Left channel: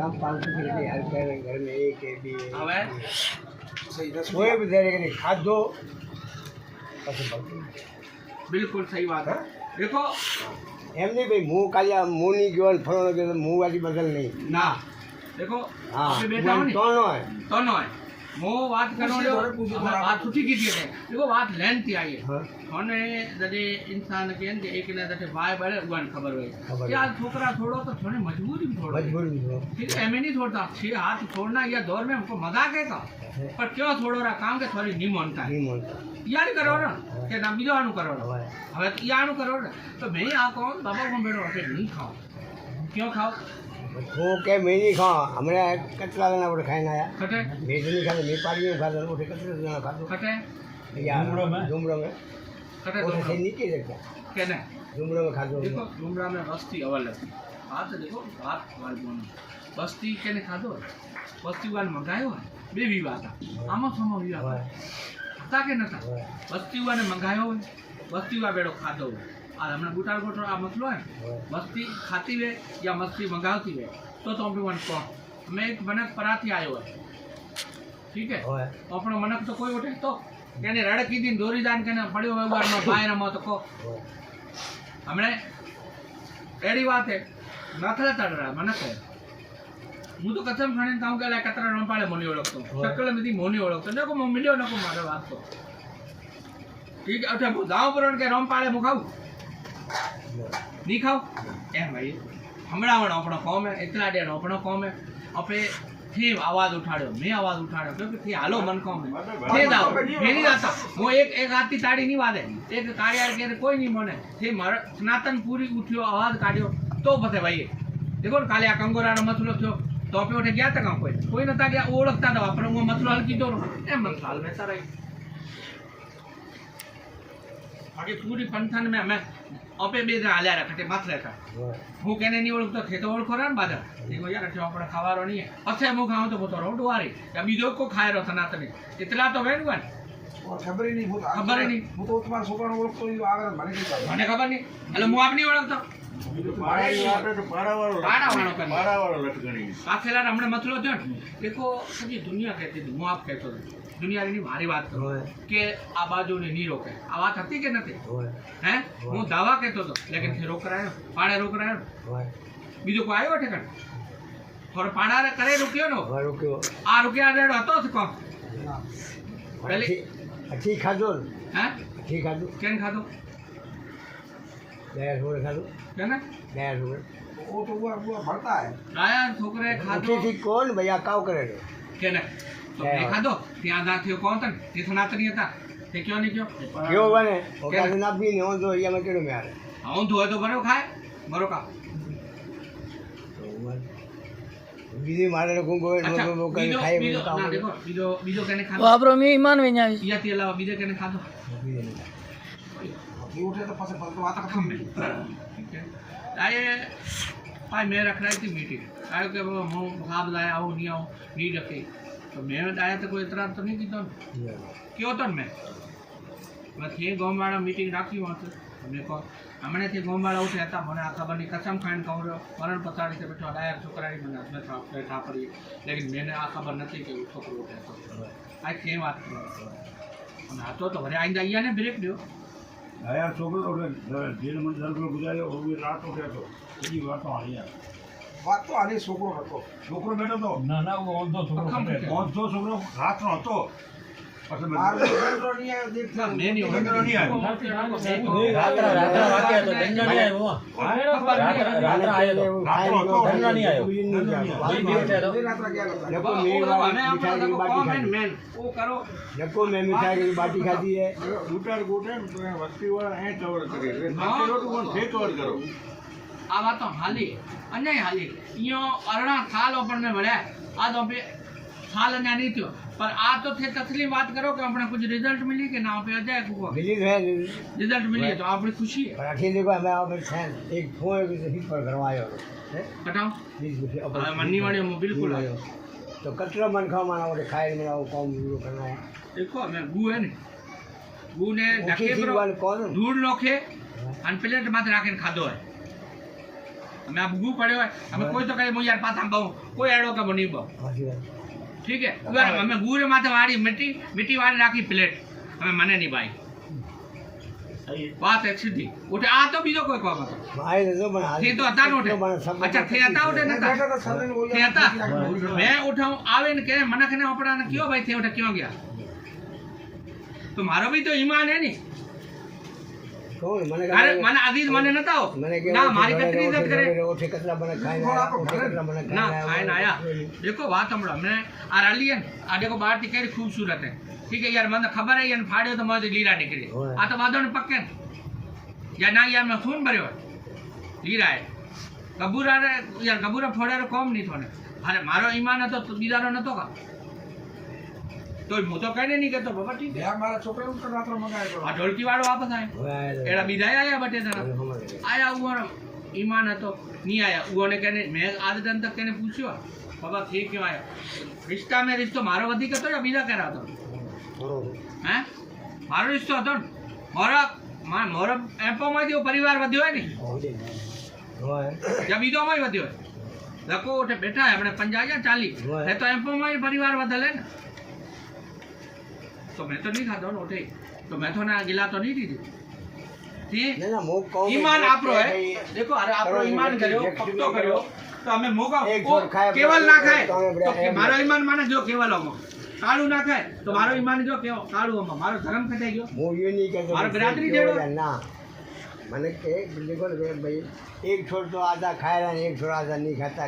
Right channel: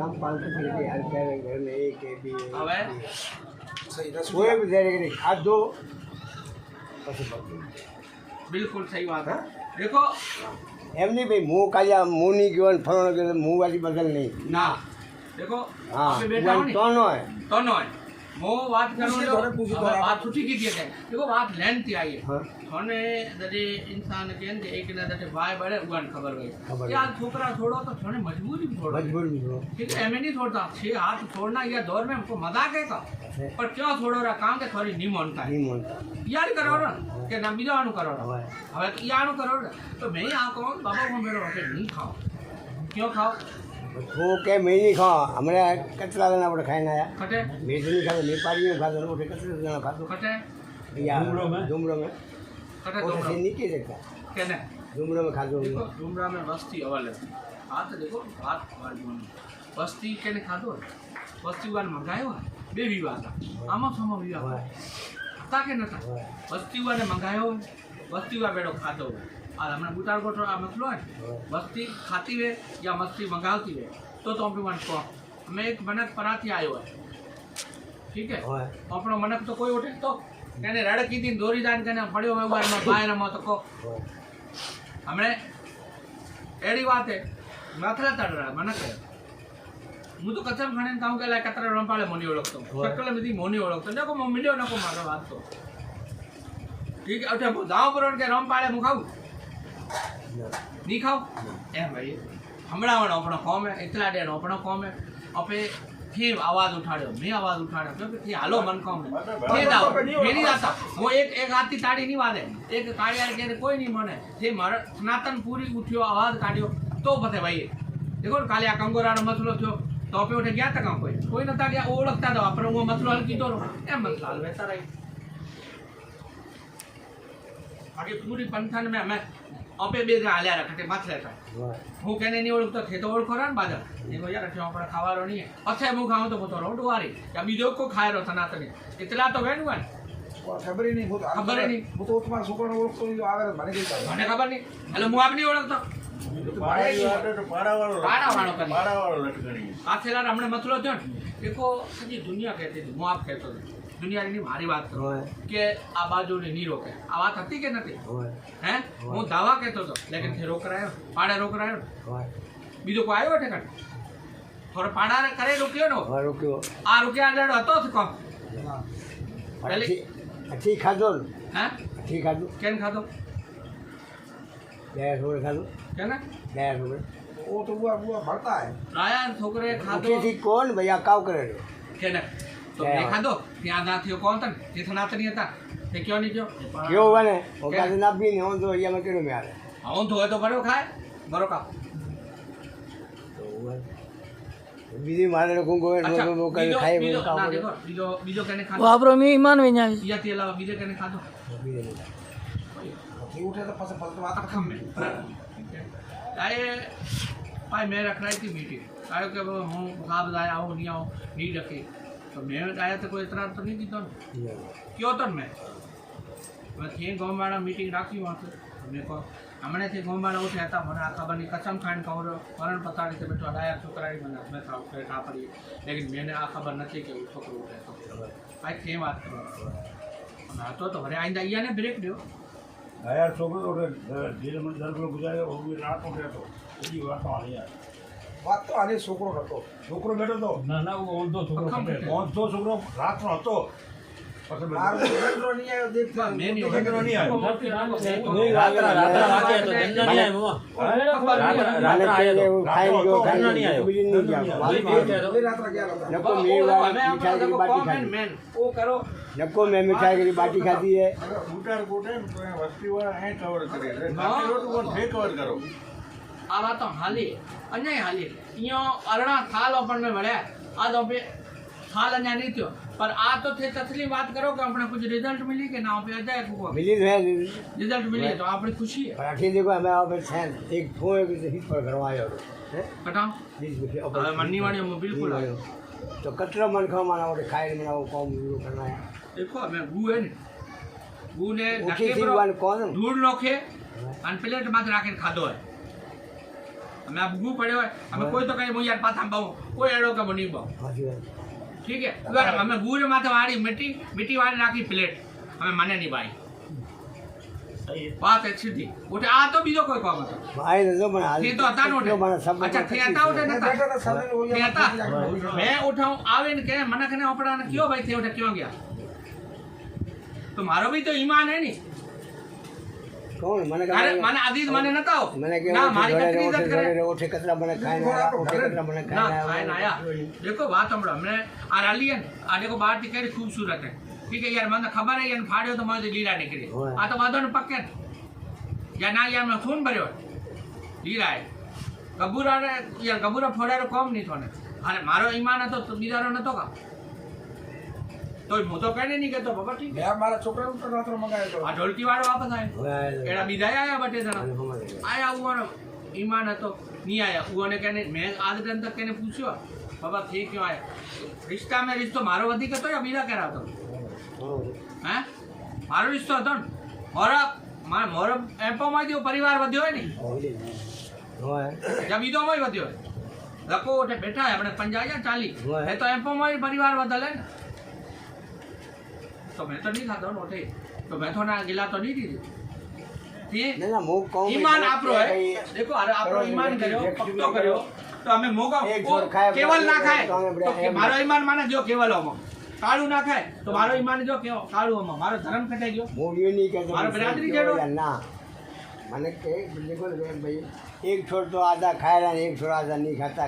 ग्राम 500 की हर घर में एक है भी હવે कोई भी दे नहीं खादो बिल्कुल सही बात है देखो એમ નહીં ભાઈ હું કાલે હું નહીં ગયો ને ફરવાનો ગયો હું વાળી બદલ નહીં ના देखो હા આપણે બેઠા હો ને તો નો હોય તો નો હોય હું વાત કરવાનો વાત છૂટી કીધી છે देखो बात लेन थी आई है हाँ। અને જડે इंसान के ने एक ने जड़े भाई बड़े उगन खबर खबर हुई यार छोकरा छोड़ो तो थोड़ी मजबूरी में छोड़ो मजबूरी में छोड़ो। ठीक है नहीं छोड़ता 6 हाथ छोड़ना ये दौर में हमको मजाक है का पर क्यों छोड़ो रहा काम के थोड़ी नहीं मानता है નહીં મળતા यार करो ना के ना बीजा नु करो ना હવે હવે તો યાનું કરો ને તો મેં આ કહું બાબા હું મેળો હશે નહીં ખાઓ ક્यों ખાઓ वो के मैं नहीं खाओ हमारे कचरा देना पड़े खाना आया ખટે भेज नहीं खाते नेपाली में खाते वो कचरा देना खाते ખટે झुमरो में ખટે वो तो सही नहीं किए देखता કે ને झुमरो में खाते देखो डूमरा में वस्ती अवल है बात देखो बात वाली वस्ती के ने खाधो है वस्ती वाल मंगायो है बे भी बात आमा समो भी बात था के न था वस्ती वाले मंगायो है वस्ती वा बेड़ो खाधो है और हमने बुटार गोटो आ मसलो है वस्ती खाती वे या मस्ती मंगावती वे तो अपने मन को मैं एक मनक पराती आयो है ठीक है अपनो मनक तो कोई उठे तो कहने रड़की दिन दोरी जान कहने पड़ो है बार में भाई रमा तो को हमने एड़ी बात है नथला तड़ रहा मनक है હું તો કસમ ખાને કહું કે લા કતરા રંપાળે મોની ઓળખતો શકલ નથી મોની ઓળખતો નકો મો મિલ્યો નકો મારે વાત તો ઠીક અઠે હું જાવ પર કે રંપાળે હું ખાઉં नहीं खाओ ए भाई हमरा वण अपना कौम है एकला डेन अपना कौम है अपे थी आवाज उठाड़ो मैं आवाज उठाड़ो क्योंकि थी हालो मन कौम है थे जाओ मैं नहीं जाता वो एक आती ताड़ी नहीं वादे एक काड़िया के कोई नहीं मने थे मार सनातन पूरी उठ्यो आवाज काढ्यो तो पथे भाई देखो काले आ कंगोरानो मसलो थयो तो पे उठे गया था कोई नता गया ओळखता था अपन वो मसलो हल कीधो ए मसलो हल वैसा रही आगे पूरी पंथन में मैं अपे बे जना हाल्या रखते मत रहता હું કેને નહીં ઓળખતો થે તો ઓળખો ને બાજા એમાં યાર અઠે આપણે ખાવાનો નહીં અચ્છા હું ખાઉં તો બોતો રોડ વારી या બીજો કો ખાય રો સનાતની इतना तो वेन वन खबर ही नहीं खबर ही नहीं वो तो तुम्हारा छोकरा ओळखतो आगे મને કઈ ખબર મને ખબર નહીં એટલે હું આપ નહીં ઓળખતો પાડાવાળો કરે પાછેલા હમણે મસલો થયો ને દેખો હજી દુનિયા કહેતી હતી હું આપ કહેતો હતો દુનિયાની મારી વાત કરું કે આ બાજુને નહીં રોકે આ વાત હતી કે નથી હે હું દાવા કહેતો હતો લેકિન ફેર રોકરાયો પાડે રોકરાયો બીજો કોઈ આવ્યો ઠેકાણ થોડો પાડા કરે રોક્યો નો रुकियो આ રૂપિયા રેડો હતો જ કોણ પહેલી अच्छी खादो હે अच्छी खादो કેન ખાધો 2 रोड खादो કેને 2 रोड वो तो वो भरता है રાયા છોકરે ખાધો अच्छी थी कौन भैया काव करे કેને તો મેં ખાધો ત્યાં ના થયો કોણ તને તે સનાતની હતા તે ક્યો નહીં ક્યો क्यों बने वो का ना भी नहीं हो तो ये में केड़ो में आ रहे હું ધોય તો બરો ખાય બરો કા બીજી મારે લોકો અચ્છા લોકો કઈ ખાય બીજો કામ ના કરે દેખો બીજો કેને ખાધો વાપરો મહેમાન વેኛય યાથી અલાવા બીજો કેને ખાધો ये उठे तो पसे पलतो आता खम में आए भाई मैं रख रही थी मीटिंग आयो कि હું ખાબ લાયા આવું નહીં આવું નહીં રખી તો મેં આયા તો કોઈ એતરાજ તો નહીં કીધો ને કયો તો ને મેં પછી ગામવાળા મીટિંગ રાખી વાંચો મેં કહો હમણાંથી ગામવાળા ઉઠ્યા હતા મને આ ખબરની કસમ ખાઈને કહું મરણ પતાડી કે બેઠો લાયક છોકરાની મને બેઠા પડી લેકિન મેને આ ખબર નથી કે છોકરો ઉઠે તો આ કેમ વાત કરો અને હતો તો વરે આઈને અહીંયા ને બ્રેક દો यार छोकरो धीरे मन दर को गुजारे वो भी रात हो गया तो ये बात तो आनी यार बात तो आनी छोकरो હતો છોકરો બેઠો તો ના ના वो ઓન તો છોકરો રાત નો હતો પછી મારો છોકરો નહીં આવ્યો દેખતા મેં નહીં આવ્યો રાત્રા વાગ્યા તો ધંધા નહીં આવ્યો રાત્રા આવ્યો ધંધા નહીં આવ્યો ભાઈ બેઠે તો રાત્રા ગયા લોકો મેવાડ મીઠાઈ की बाटी खाई મેન ઓ કરો લોકો में मिठाई की बाटी खाती है ઉટાર ગોટે તો વસ્તી વાળા અહીં કવર કરી રે તો કોણ ફે કવર કરો આ વાતો હાલી અન્ય હાલી ઈયો અરણા થાલ આપણને મળ્યા આ તો આપણે થાલ અન્ય નહીં થયો पर आ तो थे तसली बात करो कि अपने कुछ रिजल्ट मिली कि ना पे अजय को मिली है रिजल्ट मिली है तो आपने खुशी है पर अखिल देखो मैं आप फैन एक फोन भी हिट पर करवायो है बताओ प्लीज मुझे अब मन्नी वाले में बिल्कुल आयो तो कचरा मन खा माना वो खाए मेरा वो काम करना है देखो मैं गु है ने गु ने ऊँची ढके चीज बरो वाले कौन धूल नोखे अन प्लेट माथ राखीने खाधो है અમે આ ભૂગું પડ્યો હોય અમે કોઈ તો કઈ હું યાર પાછા બહુ કોઈ એડો કે નહીં બહુ ઠીક હે અમે ગુર માથે વાળી મીઠી વાળી રાખી પ્લેટ અમે મને નહીં ભાઈ વાત એક સીધી ઉઠે આ તો બીજો કોઈ કામ હતો ભાઈ નજો પણ હાલ તે તો હતા નોટે અચ્છા તે હતા ઉઠે નતા તે હતા મેં ઉઠાઉં આવે ને કે મને કને આપડાને કયો ભાઈ તે ઉઠે ક્યાં ગયા તો મારો બી તો ઈમાન હે ની કોણ મને અરે મને આદિ મને નતા હો મને કે ના મારી કતરી ઇજ્જત કરે ઓઠે કચરા મને ખાઈને કચરા મને ના ખાઈને આયા देखो बात हमरो हमने आ रही है आ देखो बाहर की केड़ी खूबसूरत है ठीक है यार મને ખબર है यार फाड़ियो तो मैं लीला निकली आ तो बादो ने पक्के या ना यार मैं खून भर्यो लीला है कबूरा रे यार कबूरा फोड़ारो कम नहीं थोने अरे मारो ईमान હતો તો બીજાનો નતો કા તો હું તો કઈને નહીં કેતો બાબા ઠીક મેં મારા છોકરાનું તો રાત્રે મંગાવ્યો આ ઢોલકી વાળો વાપસ આવ્યો એડા બીજા આયા બટે જણા આયા ઉવાનો ईमान હતો नहीं आया उन्होंने कहने मैं आधे दिन तक कहने पूछो बाबा ठीक क्यों आया रिश्ता में रिश्तो मारो वधिक હતો या બીજા કરા હતો હે મારો રિશ્તો હતો ને મારો એમ્પોમાંથી પરિવાર વધ્યો હોય ને या બીજો માં વધ્યો હોય લકો ઉઠે બેઠા આપણે 50 या 40 એ તો એમ્પોમાં પરિવાર વધેલે ને તો મેં તો નહીં ખાધો ને ઉઠે તો મેં તો ના ગિલા તો નહીં દીધી ના મો કહું ईमान आपरो है देखो अरे आपरो ईमान કર્યો પક્કો કર્યો તો અમે મોગા કેવલ ના ખાય તો મારો ઈમાન માને જો કેવલોમાં કાળું ના ખાય તો મારો ઈમાન જો કેવો કાળુંમાં મારો ધર્મ કટાઈ ગયો હું યો નહીં કહેતો મારો બરાદરી જેડો ના મને કે દેખો ભાઈ એક છોડ તો આधा ખાया एक छोड़ आधा नहीं खाता